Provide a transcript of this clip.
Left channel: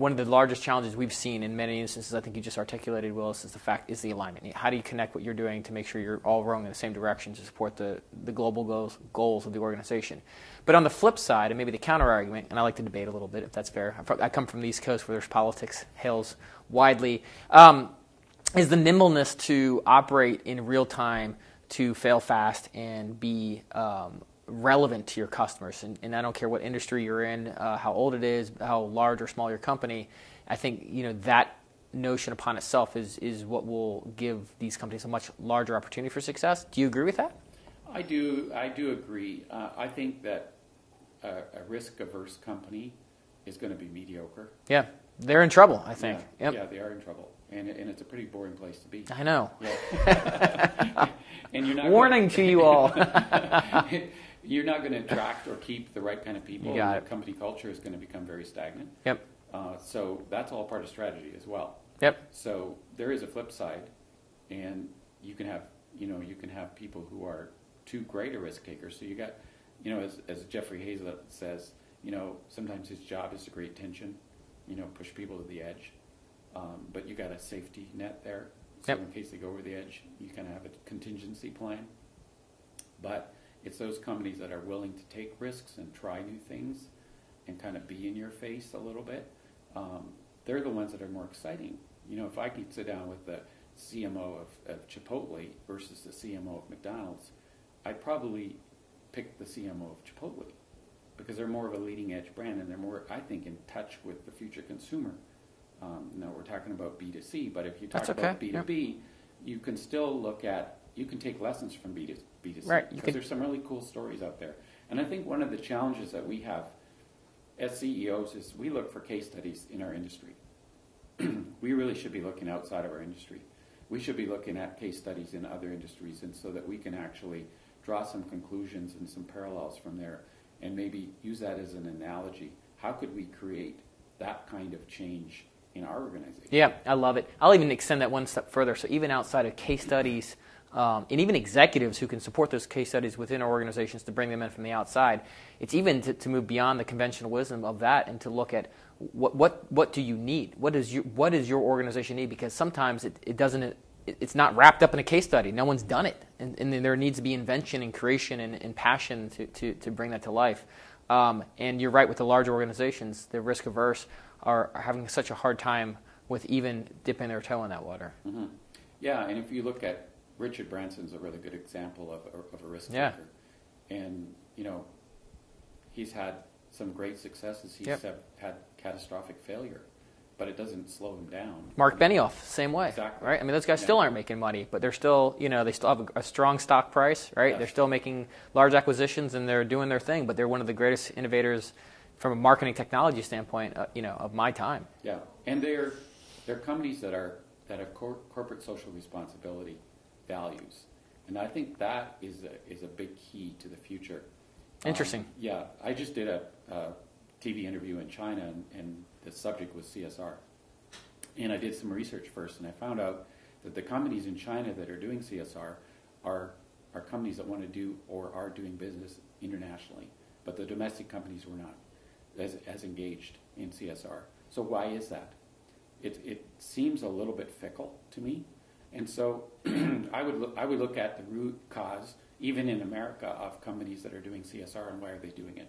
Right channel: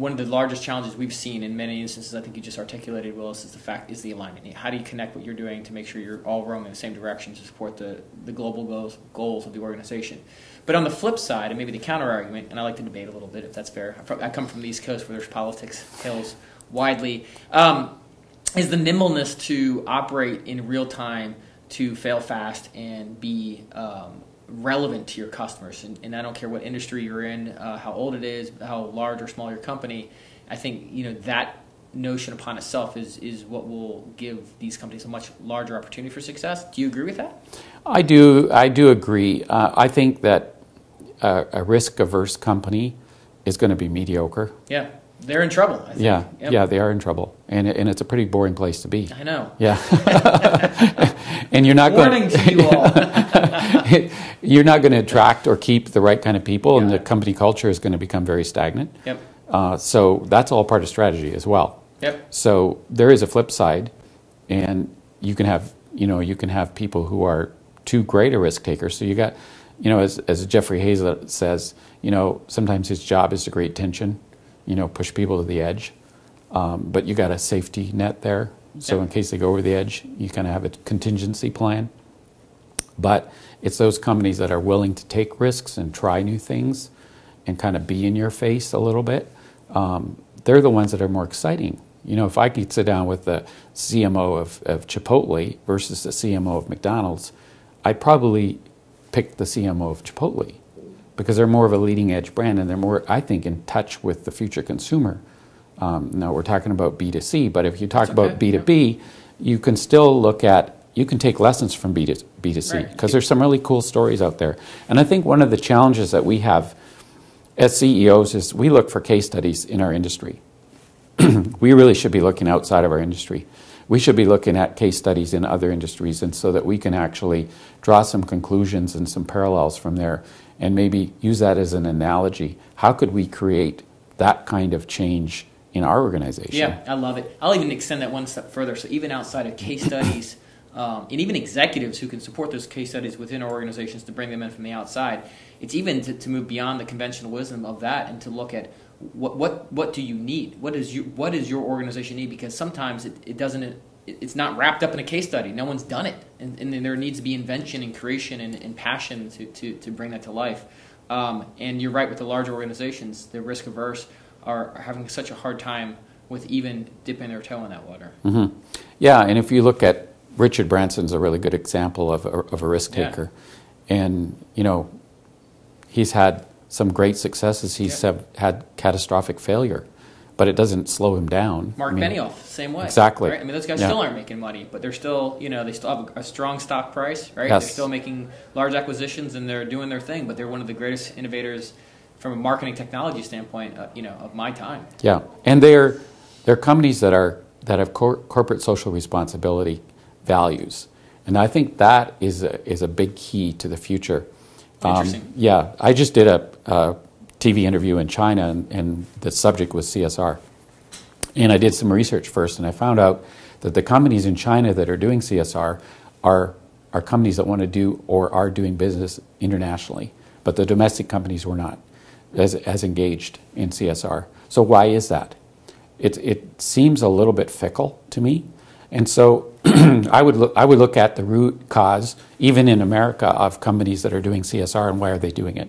one of the largest challenges we've seen in many instances, I think you just articulated, Willis, is the alignment. How do you connect what you're doing to make sure you're all rowing in the same direction to support the global goals of the organization? But on the flip side, and maybe the counter argument, and I like to debate a little bit if that's fair. I come from the East Coast where there's politics hails widely. Is the nimbleness to operate in real time, to fail fast and be relevant to your customers. And I don't care what industry you're in, how old it is, how large or small your company. I think that notion upon itself is what will give these companies a much larger opportunity for success. Do you agree with that? I do agree. I think that a risk-averse company is going to be mediocre. Yeah. They're in trouble, I think. Yeah, yep. Yeah, they are in trouble, and it's a pretty boring place to be. I know. Yeah, and you're not warning to you all. You're not going to attract or keep the right kind of people, and the company culture is going to become very stagnant. Yep. So that's all part of strategy as well. Yep. So there is a flip side, and you can have people who are too great a risk taker. So you got, as Jeffrey Hazlett says, sometimes his job is to create tension. Push people to the edge, but you got a safety net there. So in case they go over the edge, you kind of have a contingency plan. But it's those companies that are willing to take risks and try new things and kind of be in your face a little bit. They're the ones that are more exciting. If I could sit down with the CMO of Chipotle versus the CMO of McDonald's, I'd probably pick the CMO of Chipotle, because they're more of a leading edge brand and they're more, I think, in touch with the future consumer. Now we're talking about B2C, but if you talk about B2B, you can still you can take lessons from B2C, because there's some really cool stories out there. And I think one of the challenges that we have as CEOs is we look for case studies in our industry. We really should be looking outside of our industry. We should be looking at case studies in other industries, and so that we can actually draw some conclusions and some parallels from there, and maybe use that as an analogy. How could we create that kind of change in our organization? Yeah, I love it. I'll even extend that one step further. So even outside of case studies, and even executives who can support those case studies within our organizations to bring them in from the outside, it's even to move beyond the conventional wisdom of that and to look at what do you need? What does your organization need? Because sometimes it's not wrapped up in a case study. No one's done it, and there needs to be invention and creation and passion to bring that to life. And you're right, with the larger organizations, the risk averse are having such a hard time with even dipping their toe in that water. Mm-hmm. Yeah, and if you look at Richard Branson's a really good example of a risk taker, and he's had some great successes. He's had catastrophic failure, but it doesn't slow him down. Mark Benioff, same way. Exactly. Right? Those guys still aren't making money, but they're still, they still have a strong stock price, right? Yes. They're still making large acquisitions and they're doing their thing, but they're one of the greatest innovators from a marketing technology standpoint, of my time. Yeah, and they're companies that have corporate social responsibility values, and I think that is a big key to the future. Interesting. Yeah, I just did a TV interview in China, and the subject was CSR. And I did some research first, and I found out that the companies in China that are doing CSR are companies that want to do or are doing business internationally, but the domestic companies were not as engaged in CSR. So why is that? It seems a little bit fickle to me, and so I would look at the root cause, even in America, of companies that are doing CSR, and why are they doing it?